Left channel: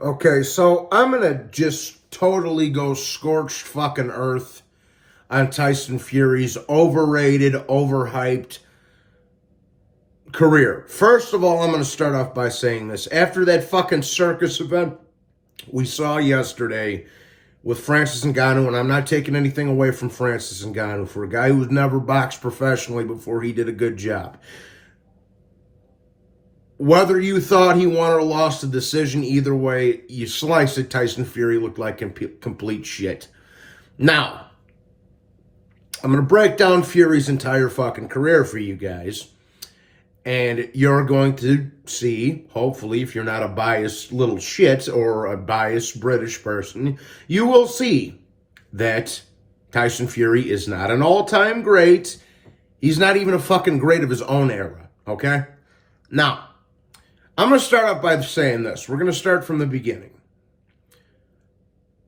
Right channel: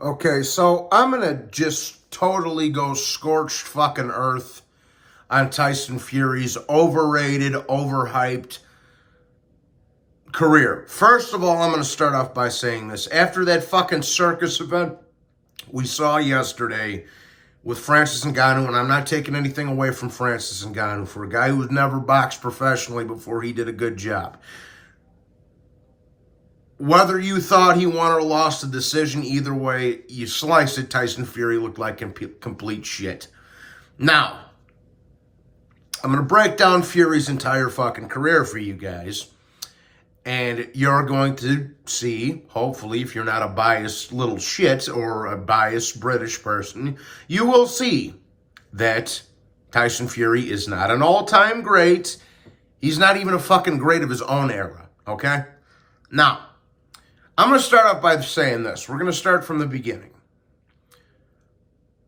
Okay, so I'm gonna just totally go scorched fucking earth on Tyson Fury's overrated, overhyped career. First of all, I'm gonna start off by saying this. After that fucking circus event we saw yesterday with Francis Ngannou, and I'm not taking anything away from Francis Ngannou, for a guy who's never boxed professionally before, he did a good job. Whether you thought he won or lost the decision, either way, you slice it, Tyson Fury looked like complete shit. Now, I'm going to break down Fury's entire fucking career for you guys. And you're going to see, hopefully, if you're not a biased little shit or a biased British person, you will see that Tyson Fury is not an all-time great. He's not even a fucking great of his own era, okay? Now, I'm going to start off by saying this. We're going to start from the beginning.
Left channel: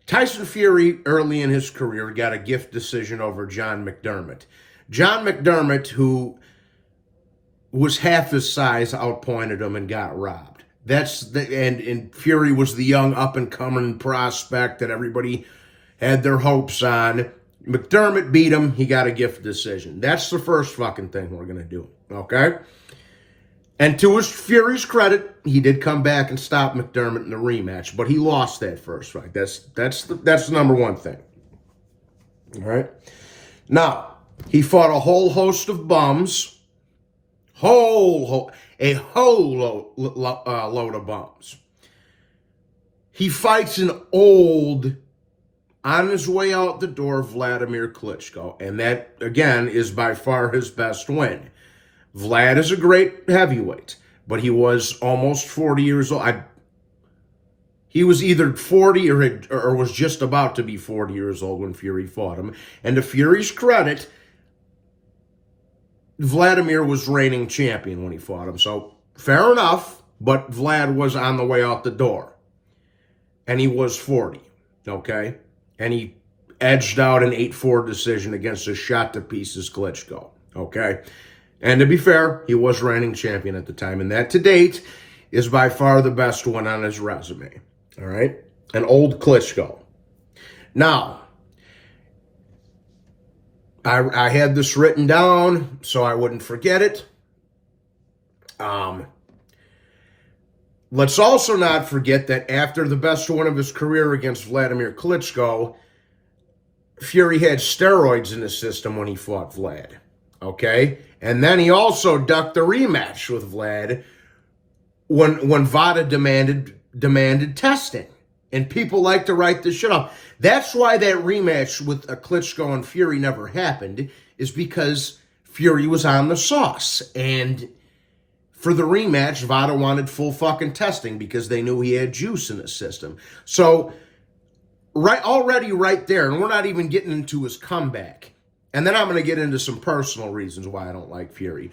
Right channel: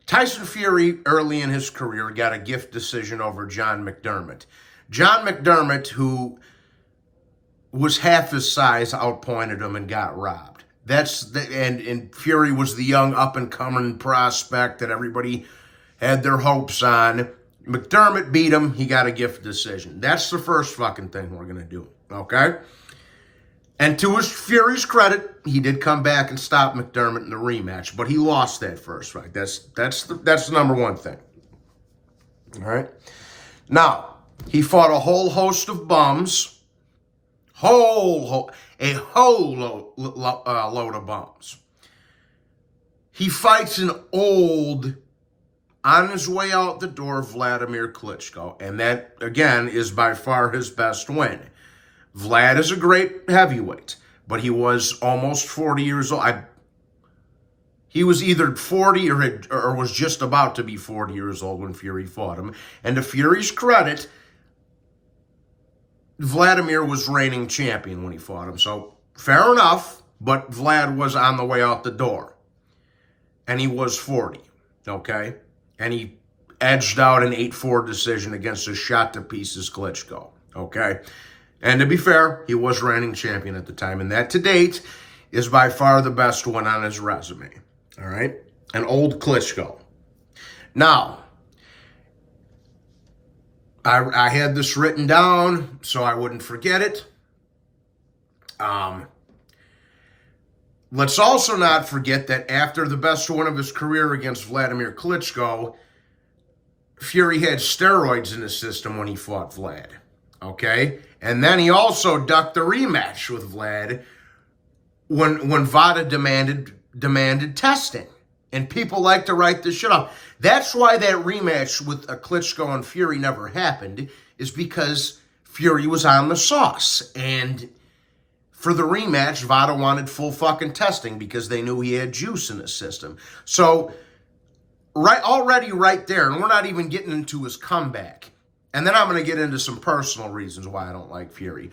Tyson Fury, early in his career, got a gift decision over John McDermott. John McDermott, who was half his size, outpointed him and got robbed. And Fury was the young up-and-coming prospect that everybody had their hopes on. McDermott beat him. He got a gift decision. That's the first fucking thing we're going to do, okay? And to his Fury's credit, he did come back and stop McDermott in the rematch, but he lost that first fight. That's the number one thing. All right. Now, he fought a whole host of bums, a whole load of bums. He fights an old, on his way out the door, Vladimir Klitschko, and that again is by far his best win. Vlad is a great heavyweight, but he was almost 40 years old. He was either 40 or was just about to be 40 years old when Fury fought him. And to Fury's credit, Vladimir was reigning champion when he fought him. So fair enough, but Vlad was on the way out the door. And he was 40, okay? And he edged out an 8-4 decision against a shot-to-pieces Klitschko, okay? And to be fair, he was reigning champion at the time. And that, to date, is by far the best one on his resume. All right? An old Klitschko. Now, I had this written down so I wouldn't forget it. Let's also not forget that after the best one of his career against Vladimir Klitschko, Fury had steroids in his system when he fought Vlad. Okay? And then he also ducked the rematch with Vlad when VADA demanded testing. And people like to write this shit up. That's why that rematch with Klitschko and Fury never happened, is because Fury was on the sauce. And for the rematch, VADA wanted full fucking testing because they knew he had juice in his system. So, already right there, and we're not even getting into his comeback. And then I'm going to get into some personal reasons why I don't like Fury.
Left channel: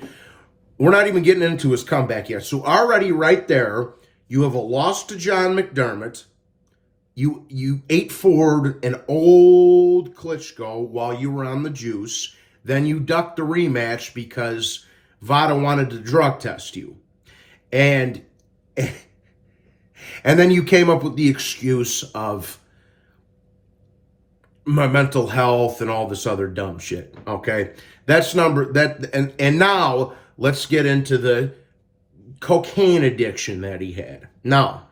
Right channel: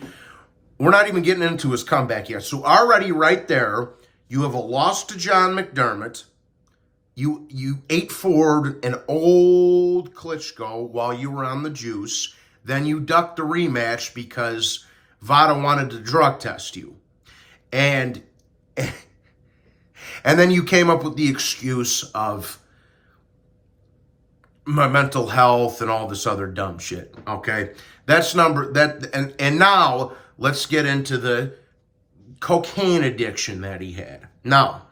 We're not even getting into his comeback yet. So already right there, you have a loss to John McDermott. You 8-4'd an old Klitschko while you were on the juice. Then you ducked the rematch because VADA wanted to drug test you. And then you came up with the excuse of my mental health and all this other dumb shit, okay? And now let's get into the cocaine addiction that he had. Now,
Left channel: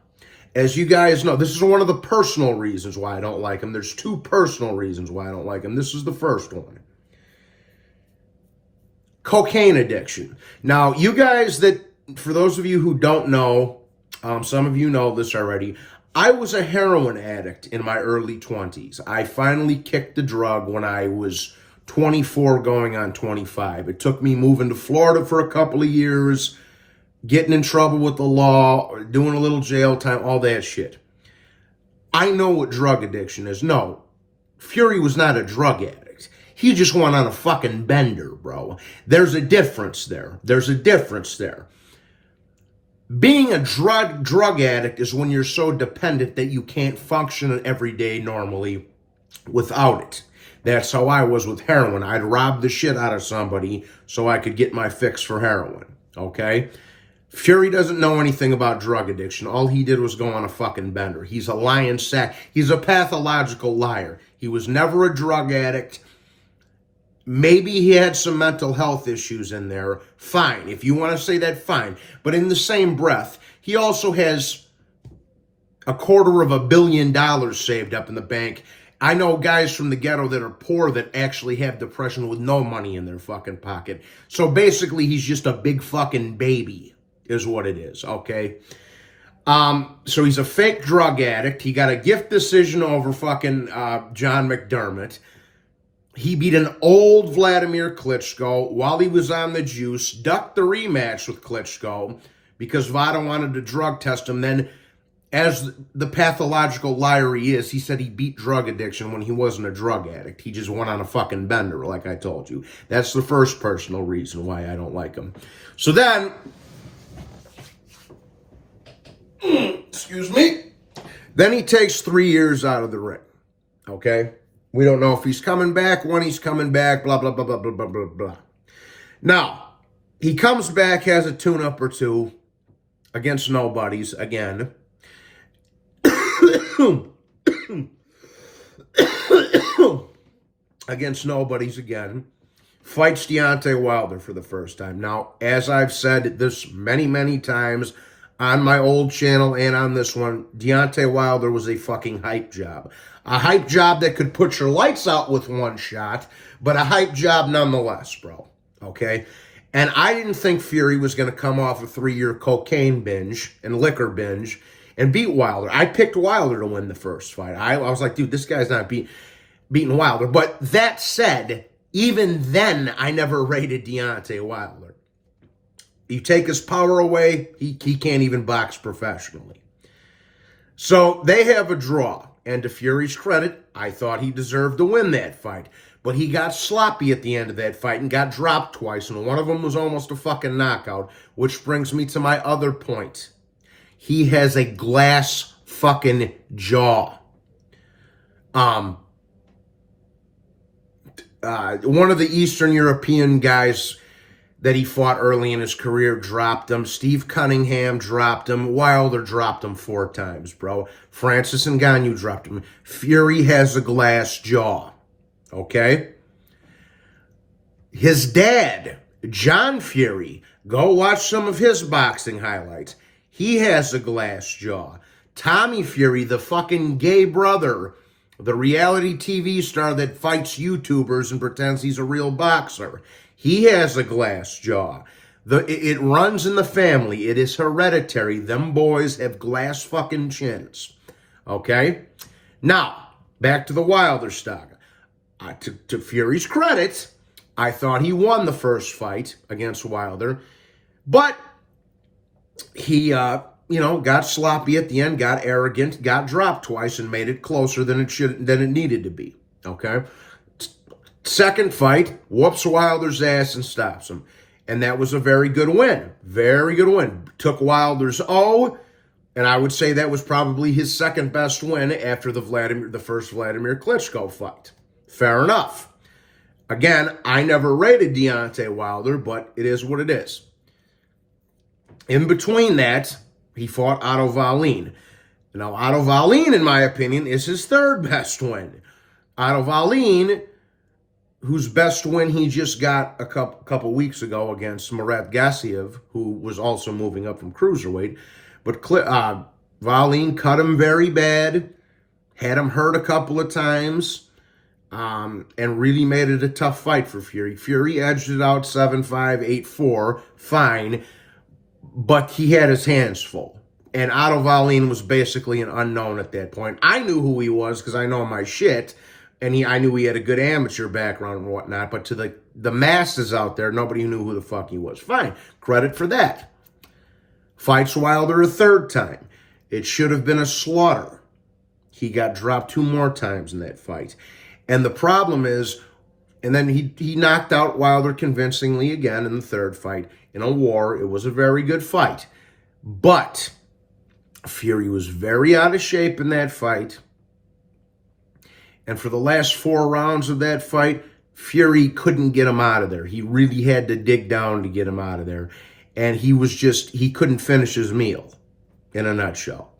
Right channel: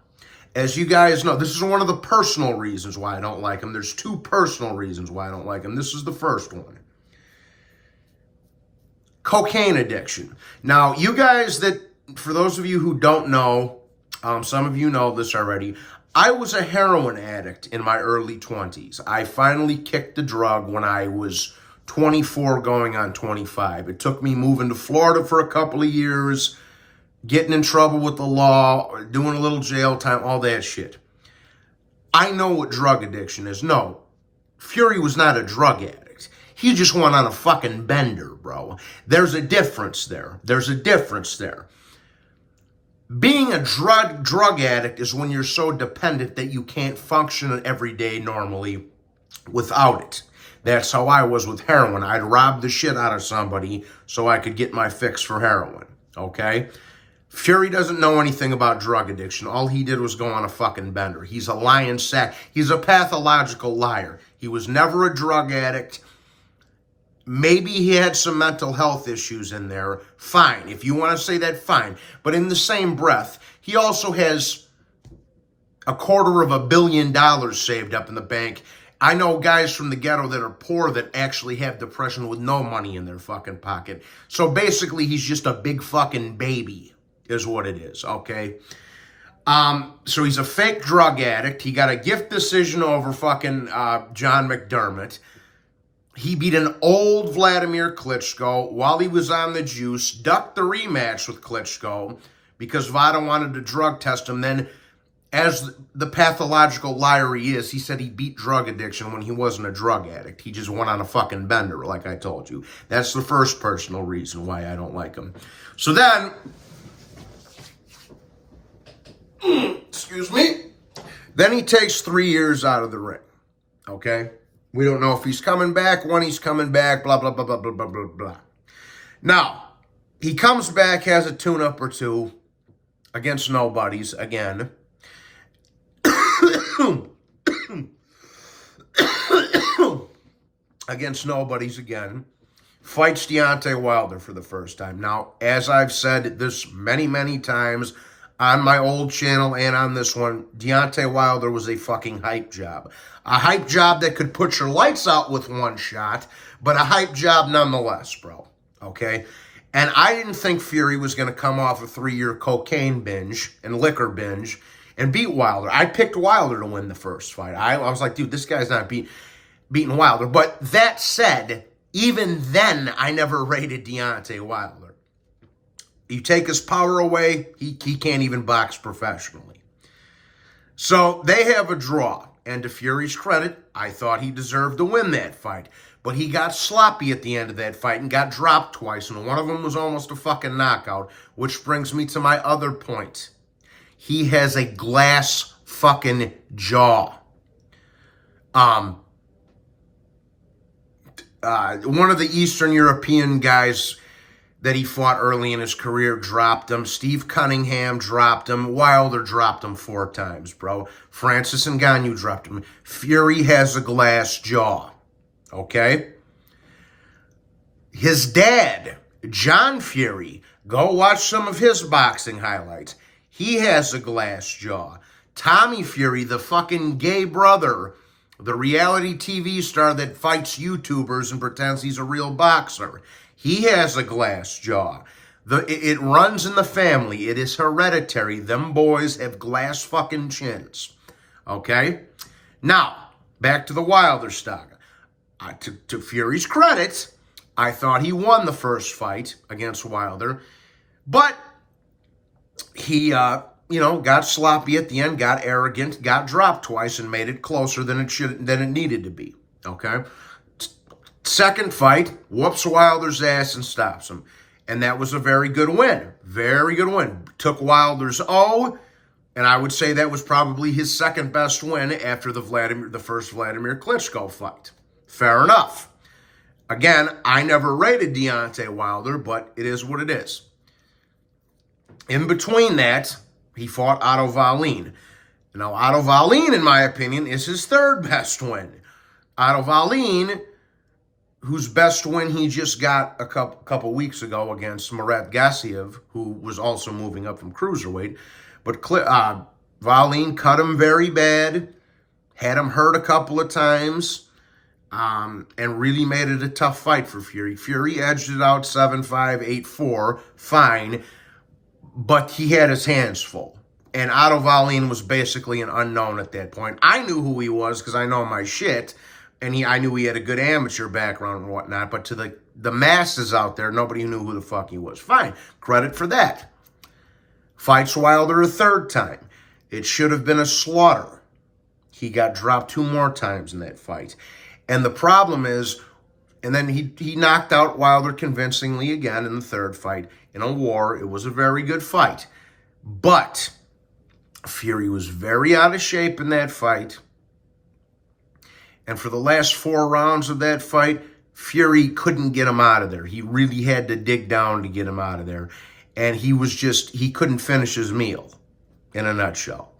as you guys know, this is one of the personal reasons why I don't like him. There's two personal reasons why I don't like him. This is the first one. Cocaine addiction. Now, you guys for those of you who don't know, some of you know this already, I was a heroin addict in my early 20s. I finally kicked the drug when I was 24 going on 25. It took me moving to Florida for a couple of years, getting in trouble with the law, doing a little jail time, all that shit. I know what drug addiction is. No, Fury was not a drug addict. He just went on a fucking bender, bro. There's a difference there. Being a drug addict is when you're so dependent that you can't function every day normally without it. That's how I was with heroin. I'd rob the shit out of somebody so I could get my fix for heroin, okay? Fury doesn't know anything about drug addiction. All he did was go on a fucking bender. He's a lying sack. He's a pathological liar. He was never a drug addict. Maybe he had some mental health issues in there. Fine. If you want to say that, fine. But in the same breath, he also has $250 million saved up in the bank. I know guys from the ghetto that are poor that actually have depression with no money in their fucking pocket. So basically, he's just a big fucking baby, is what it is, okay? So he's a fake drug addict. He got a gift decision over fucking John McDermott. He beat an old Vladimir Klitschko while he was on the juice, ducked the rematch with Klitschko because Vada wanted to drug test him. Then, as the pathological liar he is, he said he beat drug addiction when he wasn't a drug addict. He just went on a fucking bender, like I told you. That's the first personal reason why I don't like him. So then, excuse me, then he takes 3 years out of the ring, okay? We don't know if he's coming back, when he's coming back, blah, blah, blah, blah, blah, blah, blah, blah. Now, he comes back, has a tune-up or two against nobodies again. Against nobodies again. Fights Deontay Wilder for the first time. Now, as I've said this many, many times on my old channel and on this one, Deontay Wilder was a fucking hype job. A hype job that could put your lights out with one shot, but a hype job nonetheless, bro. Okay? And I didn't think Fury was going to come off a 3-year cocaine binge and liquor binge and beat Wilder. I picked Wilder to win the first fight. I was like, dude, this guy's not beating Wilder. But that said, even then, I never rated Deontay Wilder. You take his power away, he can't even box professionally. So they have a draw. And to Fury's credit, I thought he deserved to win that fight. But he got sloppy at the end of that fight and got dropped twice. And one of them was almost a fucking knockout. Which brings me to my other point. He has a glass fucking jaw. One of the Eastern European guys that he fought early in his career dropped him. Steve Cunningham dropped him. Wilder dropped him 4 times, bro. Francis Ngannou dropped him. Fury has a glass jaw, okay? His dad, John Fury, go watch some of his boxing highlights. He has a glass jaw. Tommy Fury, the fucking gay brother, the reality TV star that fights YouTubers and pretends he's a real boxer, he has a glass jaw. It runs in the family. It is hereditary. Them boys have glass fucking chins. Okay? Now, back to the Wilder saga. To Fury's credit, I thought he won the first fight against Wilder. But he, got sloppy at the end, got arrogant, got dropped twice, and made it closer than it needed to be. Okay? Second fight, whoops Wilder's ass and stops him. And that was a very good win. Very good win. Took Wilder's O, and I would say that was probably his second best win after the first Vladimir Klitschko fight. Fair enough. Again, I never rated Deontay Wilder, but it is what it is. In between that, he fought Otto Wallin. Now, Otto Wallin, in my opinion, is his third best win. Otto Wallin, whose best win he just got a couple weeks ago against Murat Gassiev, who was also moving up from cruiserweight. But Wallin cut him very bad, had him hurt a couple of times, and really made it a tough fight for Fury. Fury edged it out 7-5, 8-4, fine, but he had his hands full. And Otto Wallin was basically an unknown at that point. I knew who he was because I know my shit, and I knew he had a good amateur background and whatnot, but to the masses out there, nobody knew who the fuck he was. Fine, credit for that. Fights Wilder a third time. It should have been a slaughter. He got dropped 2 more times in that fight. And the problem is, and then he knocked out Wilder convincingly again in the third fight in a war. It was a very good fight. But Fury was very out of shape in that fight. And for the last 4 rounds of that fight, Fury couldn't get him out of there. He really had to dig down to get him out of there. And he couldn't finish his meal, in a nutshell.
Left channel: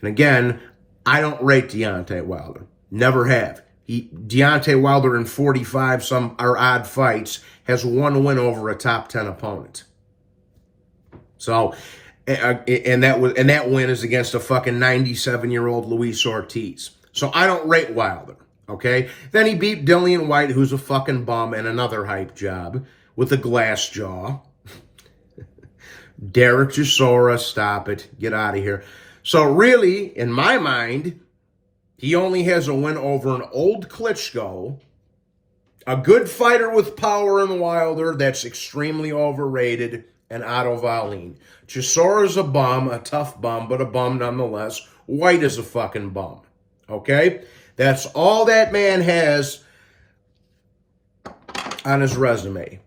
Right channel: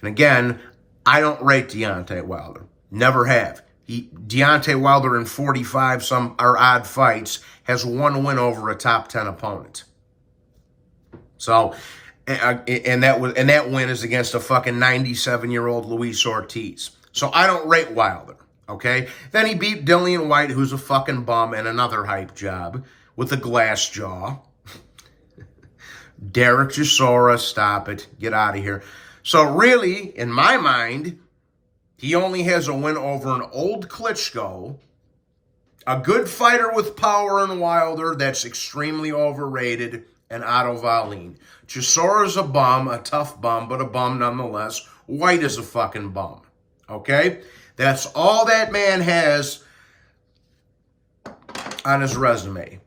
And again, I don't rate Deontay Wilder. Never have. Deontay Wilder in 45 some or odd fights has one win over a top 10 opponent. So, and that win is against a fucking 97-year-old Luis Ortiz. So I don't rate Wilder. Okay? Then he beat Dillian White, who's a fucking bum and another hype job with a glass jaw. Derek Chisora, stop it. Get out of here. So really, in my mind, he only has a win over an old Klitschko, a good fighter with power in Wilder that's extremely overrated, and Otto Wallin. Chisora's a bum, a tough bum, but a bum nonetheless. White is a fucking bum. Okay? That's all that man has on his resume.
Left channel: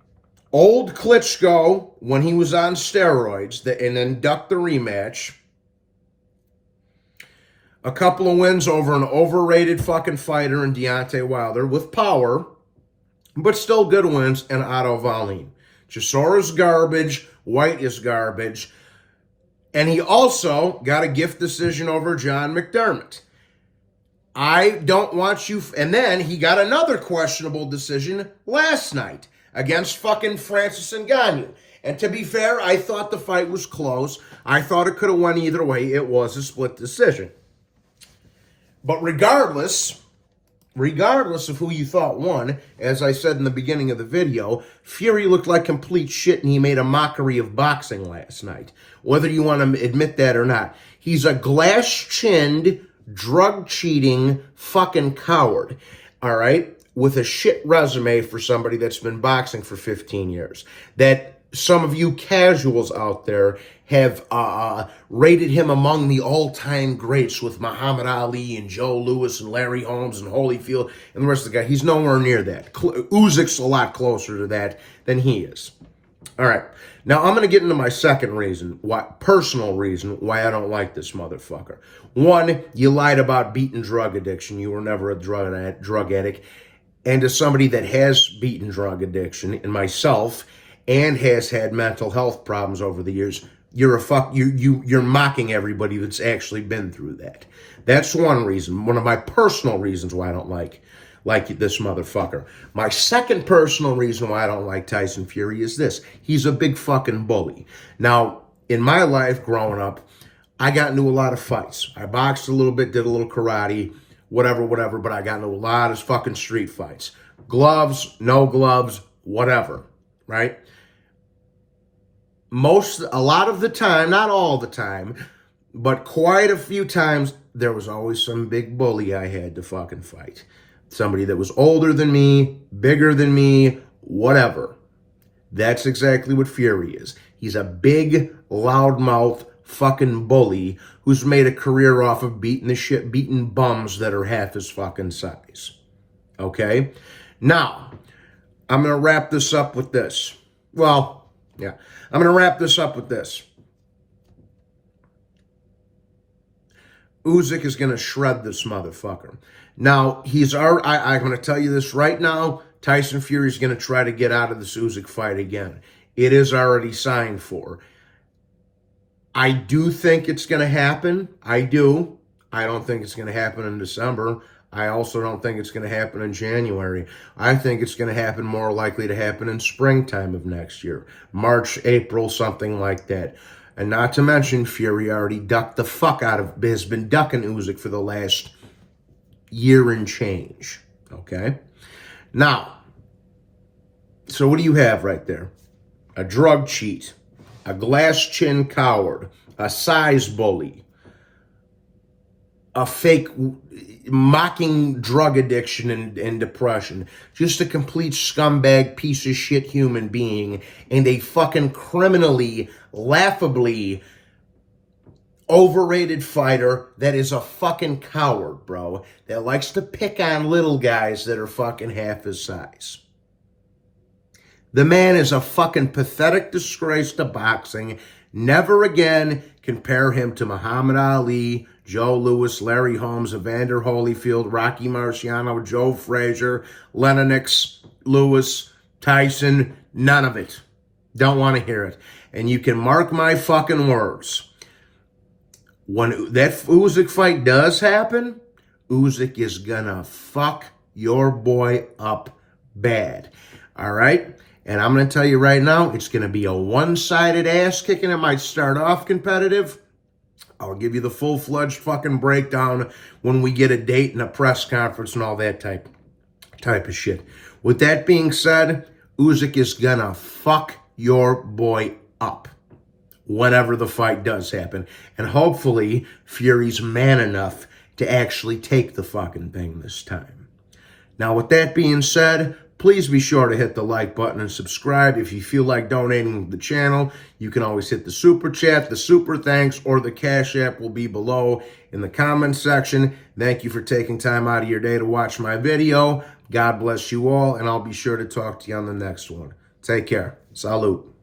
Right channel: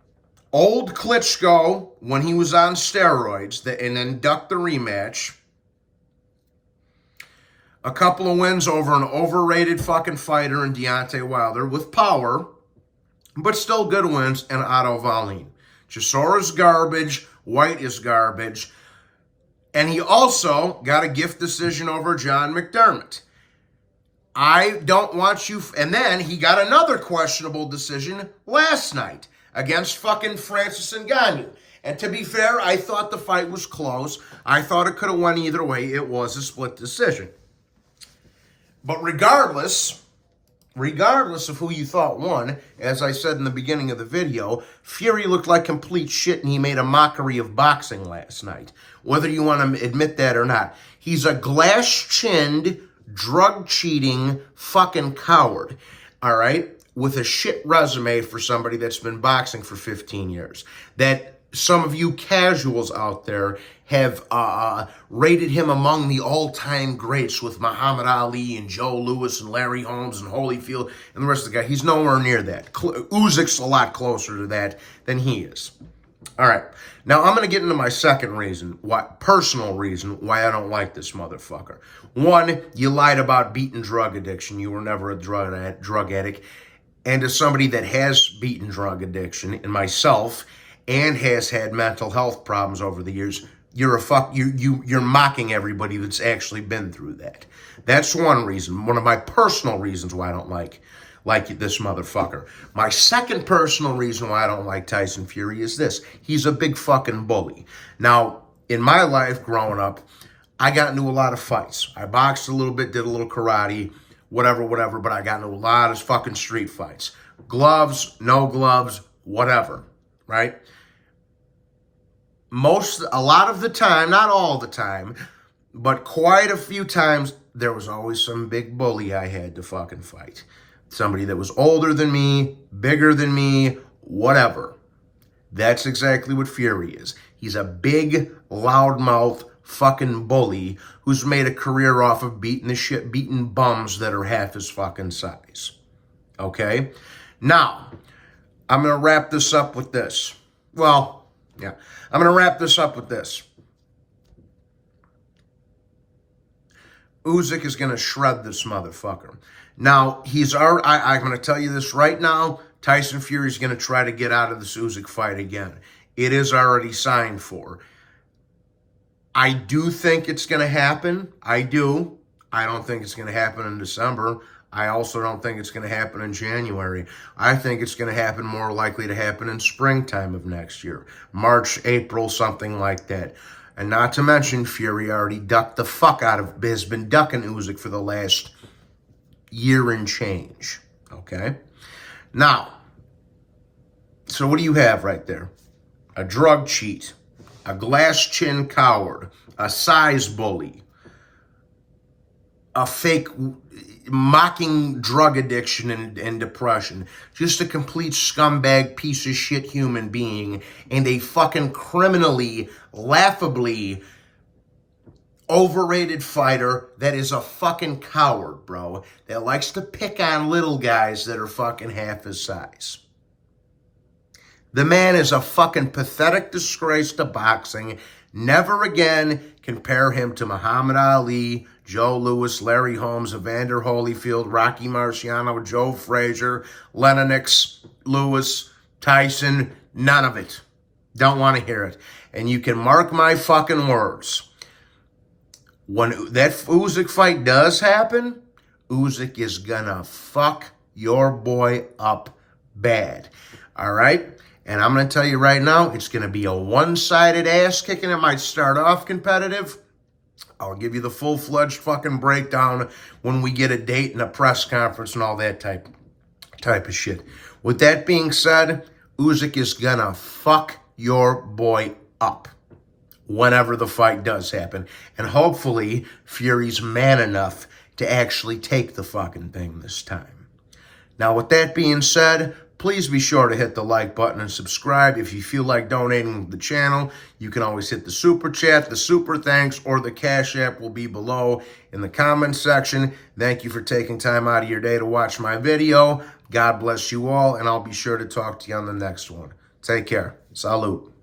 Old Klitschko, when he was on steroids, and then ducked the rematch. A couple of wins over an overrated fucking fighter in Deontay Wilder with power, but still good wins, and Otto Wallin. Chisora's garbage. White is garbage. And he also got a gift decision over John McDermott. I don't want you... And then he got another questionable decision last night against fucking Francis Ngannou. And to be fair, I thought the fight was close. I thought it could have went either way. It was a split decision. But regardless of who you thought won, as I said in the beginning of the video, Fury looked like complete shit and he made a mockery of boxing last night. Whether you want to admit that or not. He's a glass-chinned, drug-cheating fucking coward, all right? With a shit resume for somebody that's been boxing for 15 years. That some of you casuals out there have rated him among the all-time greats with Muhammad Ali and Joe Louis and Larry Holmes and Holyfield and the rest of the guys. He's nowhere near that. Usyk's a lot closer to that than he is. All right. Now, I'm going to get into my second reason, personal reason why I don't like this motherfucker. One, you lied about beating drug addiction. You were never a drug addict. And as somebody that has beaten drug addiction, and myself, and has had mental health problems over the years, you're mocking everybody that's actually been through that. That's one reason. One of my personal reasons why I don't like this motherfucker. My second personal reason why I don't like Tyson Fury is this. He's a big fucking bully. Now, in my life growing up, I got into a lot of fights. I boxed a little bit, did a little karate, whatever, but I got into a lot of fucking street fights. Gloves, no gloves, whatever, right? A lot of the time, not all the time, but quite a few times, there was always some big bully I had to fucking fight. Somebody that was older than me, bigger than me, whatever. That's exactly what Fury is. He's a big, loudmouth fucking bully who's made a career off of beating bums that are half his fucking size. Okay? Now, I'm going to wrap this up with this. Well, yeah. I'm going to wrap this up with this. Usyk is going to shred this motherfucker. Now, I'm going to tell you this right now. Tyson Fury is going to try to get out of this Usyk fight again. It is already signed for. I do think it's going to happen. I do. I don't think it's going to happen in December. I also don't think it's going to happen in January. I think it's going to happen, more likely to happen in springtime of next year. March, April, something like that. And not to mention, Fury already ducked the fuck out of, has been ducking Usyk for the last year and change. Okay? Now, so what do you have right there? A drug cheat, a glass chin coward, a size bully, a fake mocking drug addiction and depression, just a complete scumbag piece of shit human being, and a fucking criminally, laughably overrated fighter that is a fucking coward, bro, that likes to pick on little guys that are fucking half his size. The man is a fucking pathetic disgrace to boxing. Never again compare him to Muhammad Ali, Joe Louis, Larry Holmes, Evander Holyfield, Rocky Marciano, Joe Frazier, Lennox, Lewis, Tyson, none of it. Don't want to hear it. And you can mark my fucking words. When that Usyk fight does happen, Usyk is gonna fuck your boy up bad. All right? And I'm going to tell you right now, it's going to be a one-sided ass kicking. It might start off competitive. I'll give you the full-fledged fucking breakdown when we get a date and a press conference and all that type of shit. With that being said, Usyk is going to fuck your boy up whenever the fight does happen. And hopefully, Fury's man enough to actually take the fucking thing this time. Now, with that being said, please be sure to hit the like button and subscribe. If you feel like donating to the channel, you can always hit the super chat, the super thanks, or the Cash App will be below in the comments section. Thank you for taking time out of your day to watch my video. God bless you all, and I'll be sure to talk to you on the next one. Take care. Salute.